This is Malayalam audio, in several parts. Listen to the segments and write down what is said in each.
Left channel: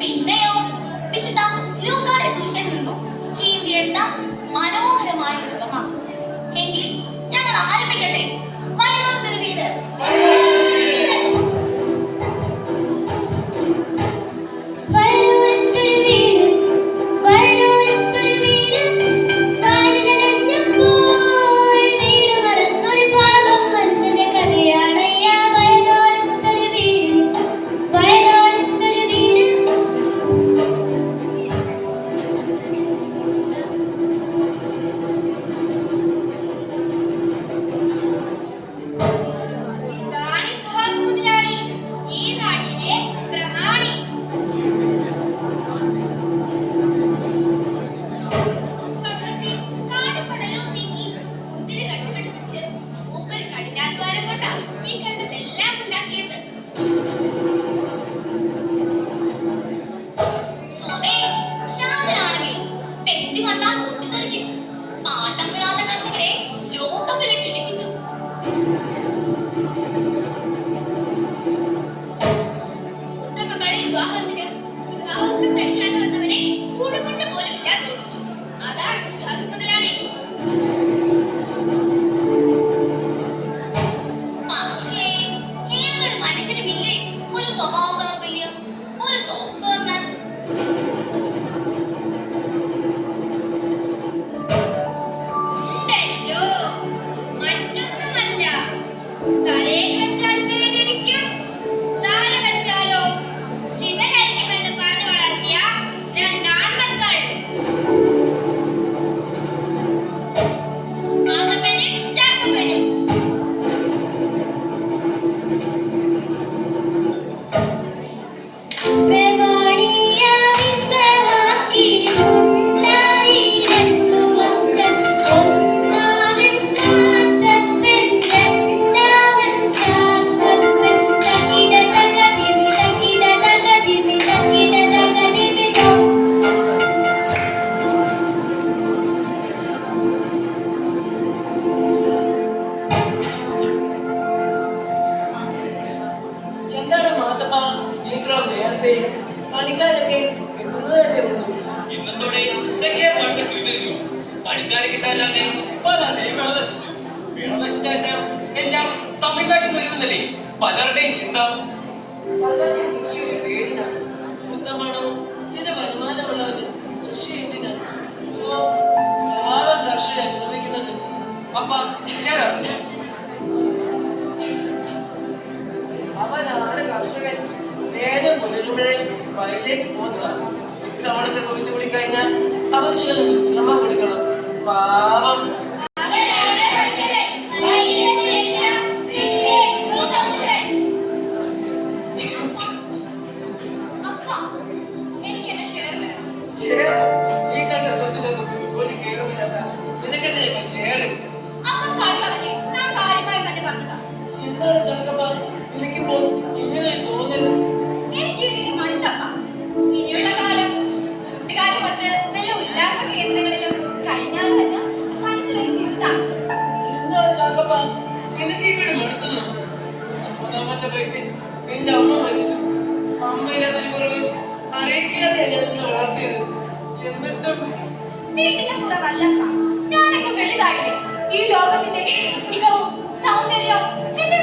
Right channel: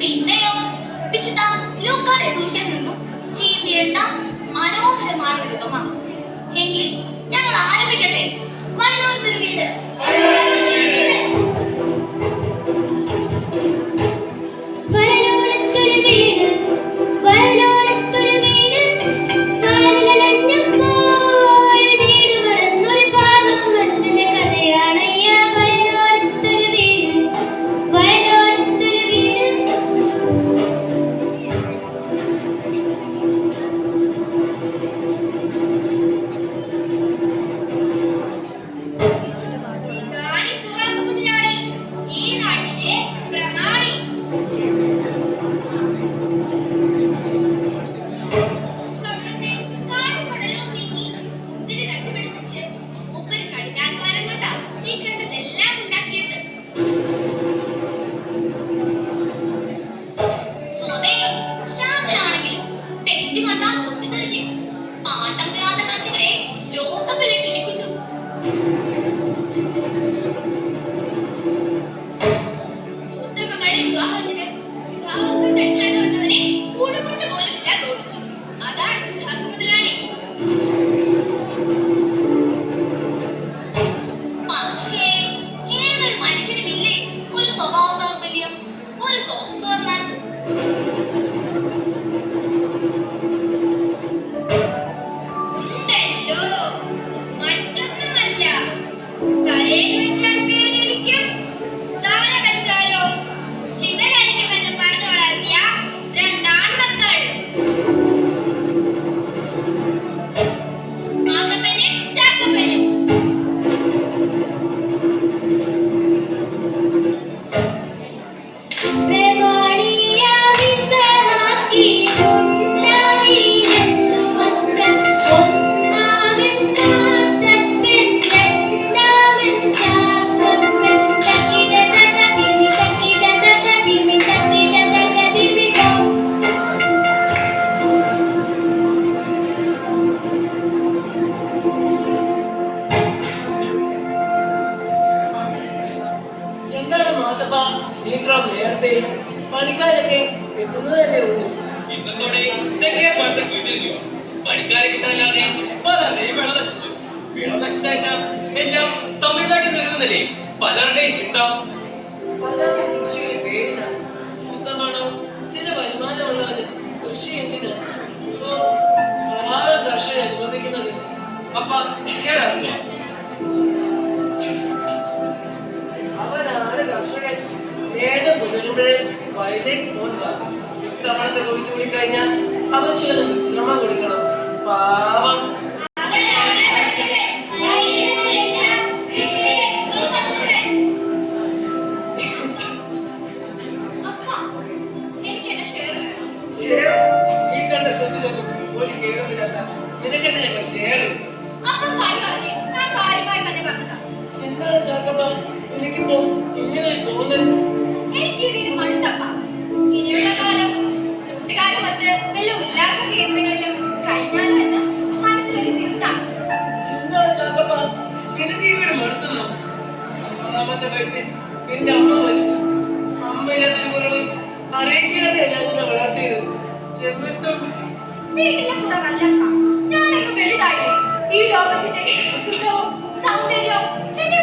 പിന്നെയോ വിശുദ്ധ ലൂക്കായുടെ സുവിശേഷത്തിൽ നിന്നും ചീന്തിയെടുത്ത മനോഹരമായ ഒരു ഉപമ. എങ്കിൽ ഞങ്ങൾ ആരംഭിക്കട്ടെ. മലയാളത്തൊരു വീട്. പണിക്കാരൊക്കെ എത്തുന്നതല്ലേ ഉള്ളൂ. ഇന്നത്തോടെ ഇതൊക്കെ പണ്ട് കുതിരിഞ്ഞു. പണിക്കാരെ കിട്ടാനാണ് വെള്ളം നശിച്ചു. വെള്ളം നശിച്ചാൽ എല്ലാം തമിഴ്നാട്ടിൽ നിന്ന് വരുന്നല്ലേ പലരുടെയും ചിന്ത. പലരുടെ കൃഷിയുടെ പേരിനാണ് ഉത്തമണവും സ്ഥിര വരുമാനമുള്ളവന് കൃഷി എന്തിനാ പാവം കർഷകർ അനുഭവിക്കുന്നത്. അപ്പ ഞാൻ അറിഞ്ഞു അവനാണ് കർഷകൻ. നേരെ പുലരുമ്പോഴേ വയലിലേക്ക് പോകുക. ഇത്തവണത്തെ കൊയ്ത്തു കൂടി കഴിഞ്ഞാൽ അവർ ചില വിശ്രമം കൊടുക്കണം. പാവം ഈ കണ്ട സ്വത്തിലൊന്നും ഒരു കേൾവില്ലാത്ത നിനക്കെന്തിനാ ഷെയർ? എന്താണ് ചാക്കമ്മ എനിക്കിപ്പോ ഇങ്ങനെ തോന്നുന്നത്? എന്താണ് ചാക്കമ്മ നിനക്ക് ഈ വീട് മടുത്തുന്നു? 10ാമത്തെ വയസ്സിൽ നിന്റെ അമ്മ മരിച്ചു. അമ്മയില്ലാത്തൊരു കുറവ് അറിയിക്കാതെ ഞാൻ നിന്നെ വളർത്തിയത്. എന്നിട്ടും ഞാനൊക്കെ വലുതായില്ലേ? ഈ ലോകത്തിന്റെ സുഖവും സൗന്ദര്യവും എന്നെ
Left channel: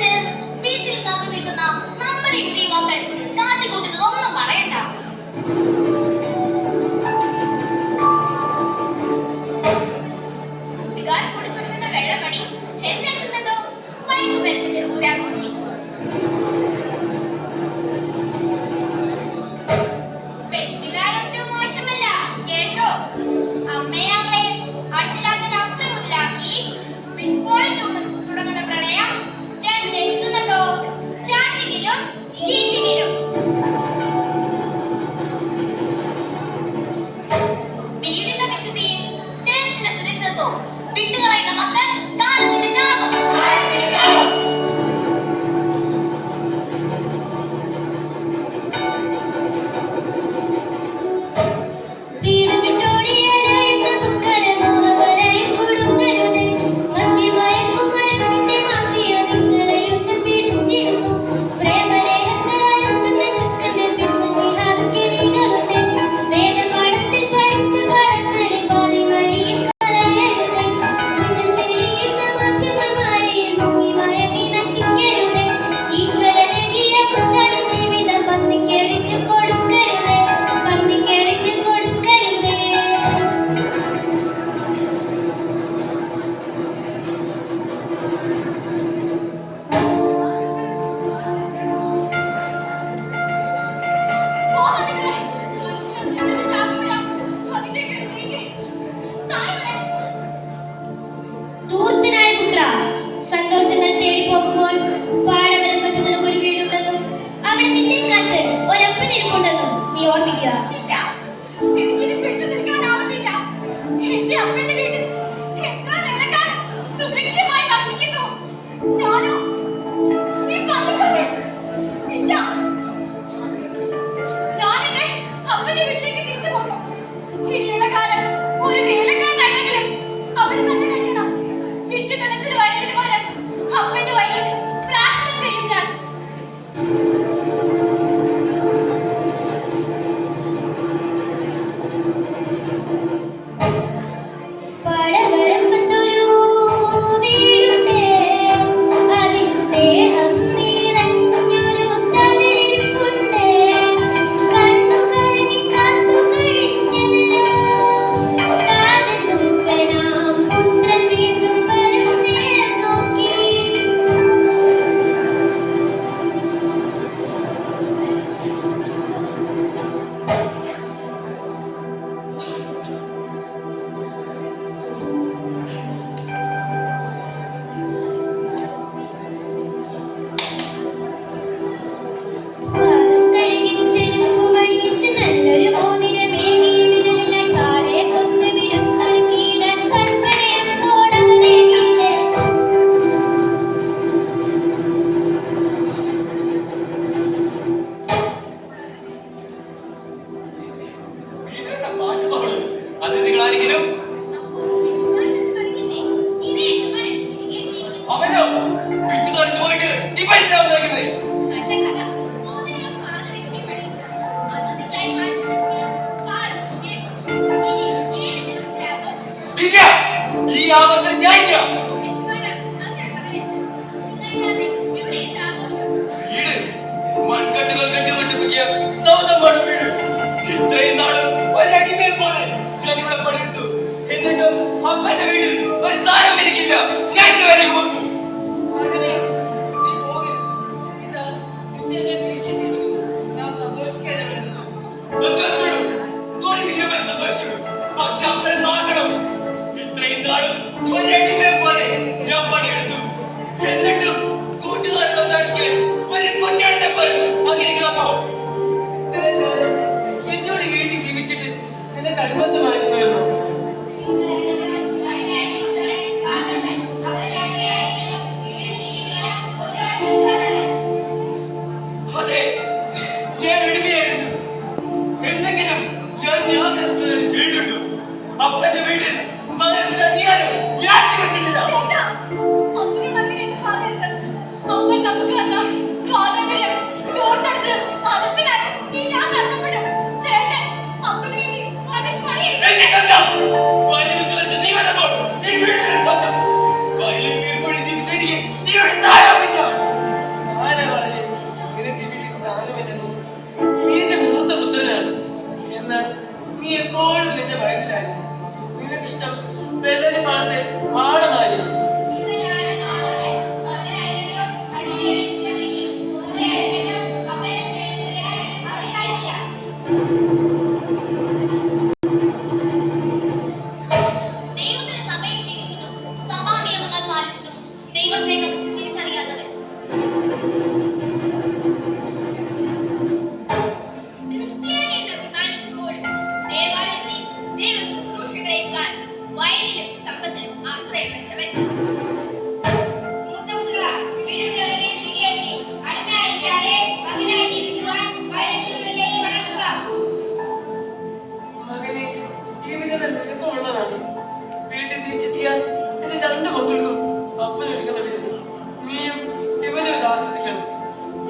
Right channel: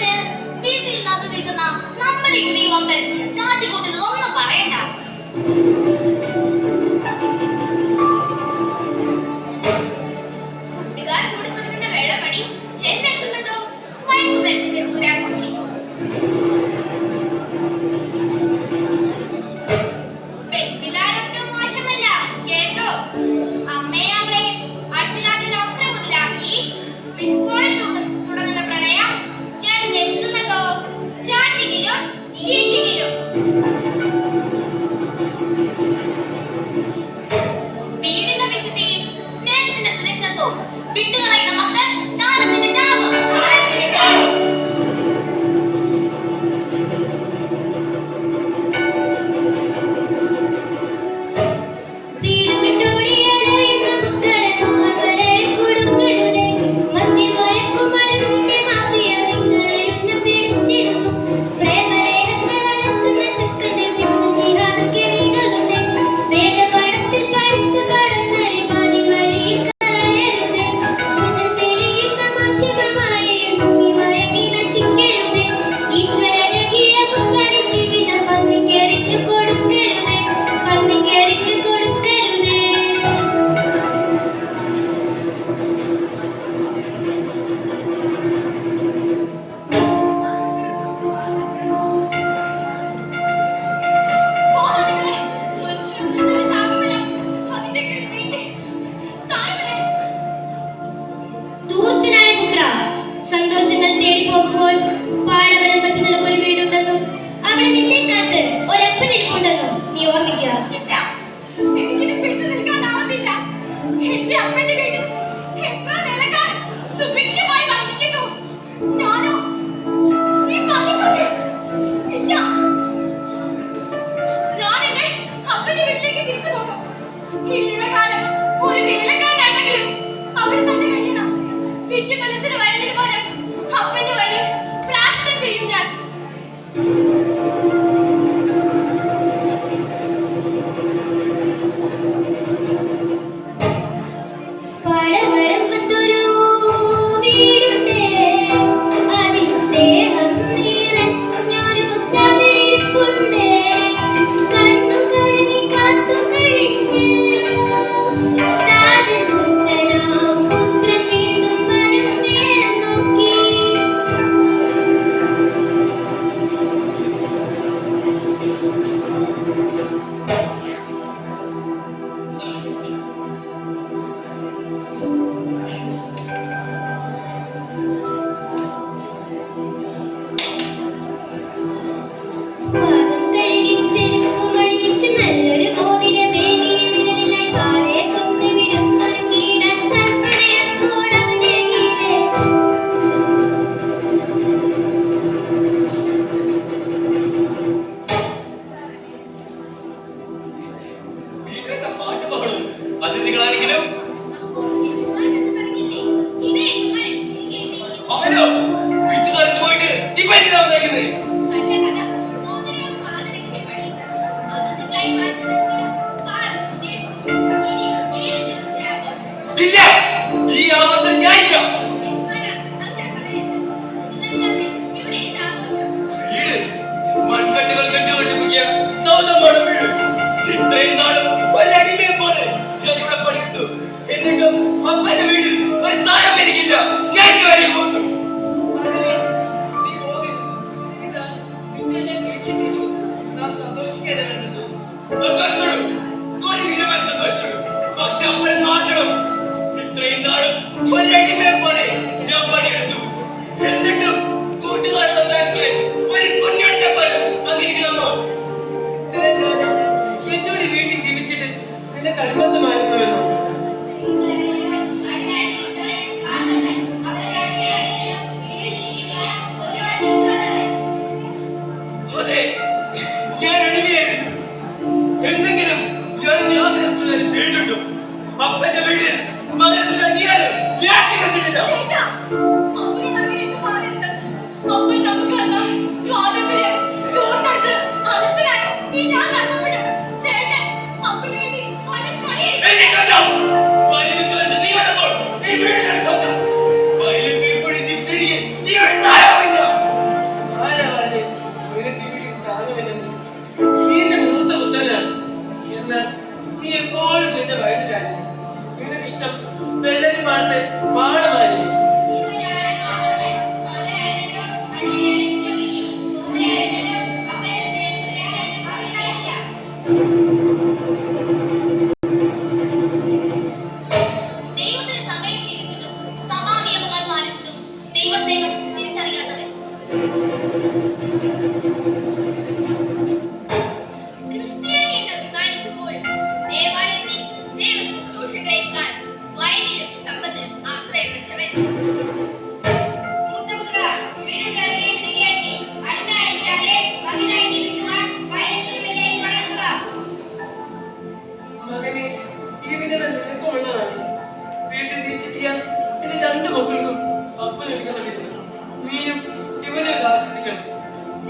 വിചാരിച്ച് വീട്ടിൽ കാത്തു നിൽക്കുന്ന നമ്മുടെ യുവതീവപ്പൻ കാട്ടിക്കൂട്ടുന്നത് ഒന്നും പറയണ്ട. കൂട്ടുകാർ കൊടുക്കുന്ന വെള്ളമണി ചെന്നെത്തുന്നതോ മയക്കുമരുന്നിന്റെ ഊരാൻ നോക്കി. പെൺപിള്ളാരൊട്ടും മോശമല്ല കേട്ടോ. അമ്മയെ അവളെ അടുത്തില്ലാത്ത അവസരം മുതലാക്കി വിസ്കോളിൽ തുടങ്ങുന്ന പ്രണയം ചെന്നെത്തുന്നതോ ചാറ്റിങ്ങിലും ചീറ്റിങ്ങിലും. വീടിന്റെ വിശുദ്ധിയും സ്നേഹത്തിന്റെ സുരക്ഷിതത്വവും വിട്ടുകളയുന്ന മക്കൾ കാലത്തിന്റെ ശാപം. വീട് വിട്ടോടിയാലെന്ന മുക്കരെ മുഖവരെ കൊടുക്കരുതേ. മദ്യമയക്കുമരുന്നിന്റെ മാഫിയ നിങ്ങളെ ഉന്നം പിടിച്ചിരുന്നു. പ്രേമലേഖങ്ങളാലെത്തുന്ന ചുക്കന്റെ പിന്നിൽ ജിഹാദ് കിളികളുണ്ട്. വേദപാഠത്തിൽ പഠിച്ച പാഠങ്ങളെ പാതി വഴിയിൽ കളയരുതേ. മുന്നിൽ തെളിയുന്ന മാധ്യമമായി മുങ്ങി മയങ്ങി നശിക്കരുതേ. ഈശ്വരനേകിയ മുത്തടി ജീവിതം പന്നിക്കെറിഞ്ഞു കൊടുക്കരുതേ. പന്നിക്കെറിഞ്ഞു കൊടുക്കരുതേ. ധൂർത്തനായ പുത്ര, സന്തോഷങ്ങൾ തേടി പോകുമ്പോൾ പാടവരമ്പത്ത് നിനക്കൊരു വീടുണ്ടെന്നും അവിടെ നിന്നെ കാത്ത് ഒരപ്പനിരിപ്പുണ്ടെന്നും നീ ഓർമ്മിക്കുക. എനിക്കിനി പിടിച്ചു നിൽക്കാനാവുന്നില്ല. എന്റെ അമ്മന്റെ വീട്ടിൽ എത്ര നിലക്കാർ സുഭിക്ഷമായി ഭക്ഷിക്കുന്നു. ഞാനോ ഈ പള്ളിപ്പള്ളി ഇല്ല. ഞാൻ എന്റെ അപ്പന്റെ വീട്ടിലേക്ക് തിരിച്ചു പോകും. ഇനിയുള്ള ഒരു വേലക്കാരനാണെങ്കിലും അവിടെ തന്നെ കഴിയണം. വിറ്റു തുളച്ചൊരു വയലിന് പോലെ അപ്പന്റെ വയലിൽ പ്രാർത്ഥന ചെയ്യും ഞാൻ. പാടവരമ്പത്തൊരു വീടുണ്ട്. അതിൽ സ്നേഹം നിറഞ്ഞൊരു തവരിപ്പുണ്ട്. കണ്ണു കലങ്ങി കാത്തു കഴിഞ്ഞല്ലോ. താതനൂത്തനാം പുത്രൻ വീണ്ടും വരും നേരം നോക്കി. പാദം കഴുകി ചെരുപ്പുമണിയിച്ച് നല്ലൊരു മോതിരമേകി വിരലിലായി കാളയെ കൊന്നു വിരുന്നൊരുക്കിയിടാൻ കൽപ്പനയപ്പോഴവനേകിയില്ലേ. വീട്ടിലെന്താ പാട്ട് ബഹളം? അതിഥികളാരെങ്കിലും അവനോ പിച്ചു തെറിച്ചു പോയിട്ട് ഇപ്പൊ എന്തിനാ വന്നേക്കുന്നത്? നല്ല കഥ. മോതിരം പാദരക്ഷയും അണിയിച്ചു. അതിഥിക്കായി മാറ്റി നിർത്തിയ കാളത്തിന്റെ ഇനി 7 ദിവസത്തെ ആഘോഷം. ഇല്ല, ഈ ആവസ്ഥ ഞാനില്ല. യജമാനാ, അങ്ങനെ പറയരുത്. നിങ്ങളില്ലാതെ ഇവിടെ എന്ത് ആഘോഷം? വീട് മൺകട്ടുകൾ കെട്ടുകെട്ടിപ്പൊക്കിയ സൗധമാണ് വീട്. ഇത്രയും നാളും ഒരടിമയെ പോലെ ഞാൻ ഇവിടെ പണിയെടുത്തു. എന്നിട്ടും അപ്പന്റെ വീട്ടിൽ ഒരു സ്ഥാനം എനിക്കില്ല. ഞാൻ വേണ്ടി പോകുന്നു. അങ്ങനെ നീ പോകരുത്. ഇതാ നിന്നെ ഞാൻ തിരിച്ചു തരും. നാം സന്തോഷിക്കാതെ വേണ്ടത്. സന്തോഷിച്ചു, തൊഴിൽ നിരവധി സന്തോഷിച്ചു. പക്ഷെ അപ്പനെ നോക്കണം. ഇത്രയും നാളും ഒരടിമയെ പോലെ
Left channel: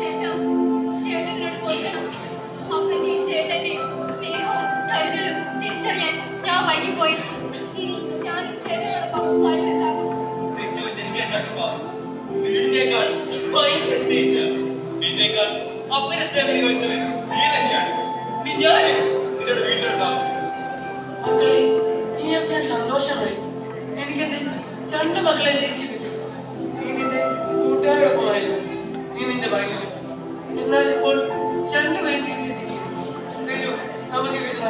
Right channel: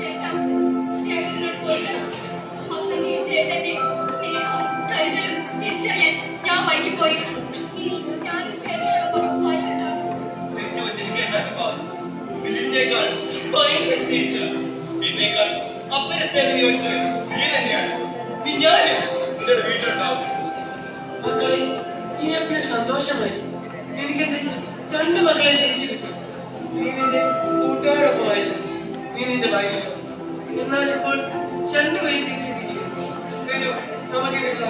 ചേട്ടാ, ചേട്ടനോട് പൊറുക്കണം. അപ്പന്റെയും ചേട്ടന്റെയും സ്നേഹവും കരുതലും തിരിച്ചറിയാൻ ഞാൻ വൈകിപ്പോയി. ഇനി ഞാനും ചേട്ടനോടൊപ്പം വയലുണ്ടാകും. തെറ്റുപറ്റിയിരിക്കാൻ ചക്കപ്പാ. വീടിനേക്കാൾ ഭയങ്കര സ്നേഹിച്ച എന്നേക്കാൾ അപ്പനെ സ്നേഹത്തിന് ചോദിച്ചത് നീ തന്നെയാണ്. നീ ഞാന് നിന്നോട് വീട്ടിലുണ്ടാവും. മക്കളെ നീയൊക്കെ സന്തോഷമായി. എനിക്കെന്റെ രണ്ടു മക്കളെ തിരിച്ചു കിട്ടി. നീ നിന്റെ കൂട്ടുകാരോടൊപ്പമായിരുന്നു. നീ നിന്റെ ഭാര്യയും. എന്നാൽ ഇപ്പോൾ രണ്ടുപേരും തിരിച്ചെത്തിയിരിക്കുന്നു. വരൂ, നമുക്ക് വീട്ടിൽ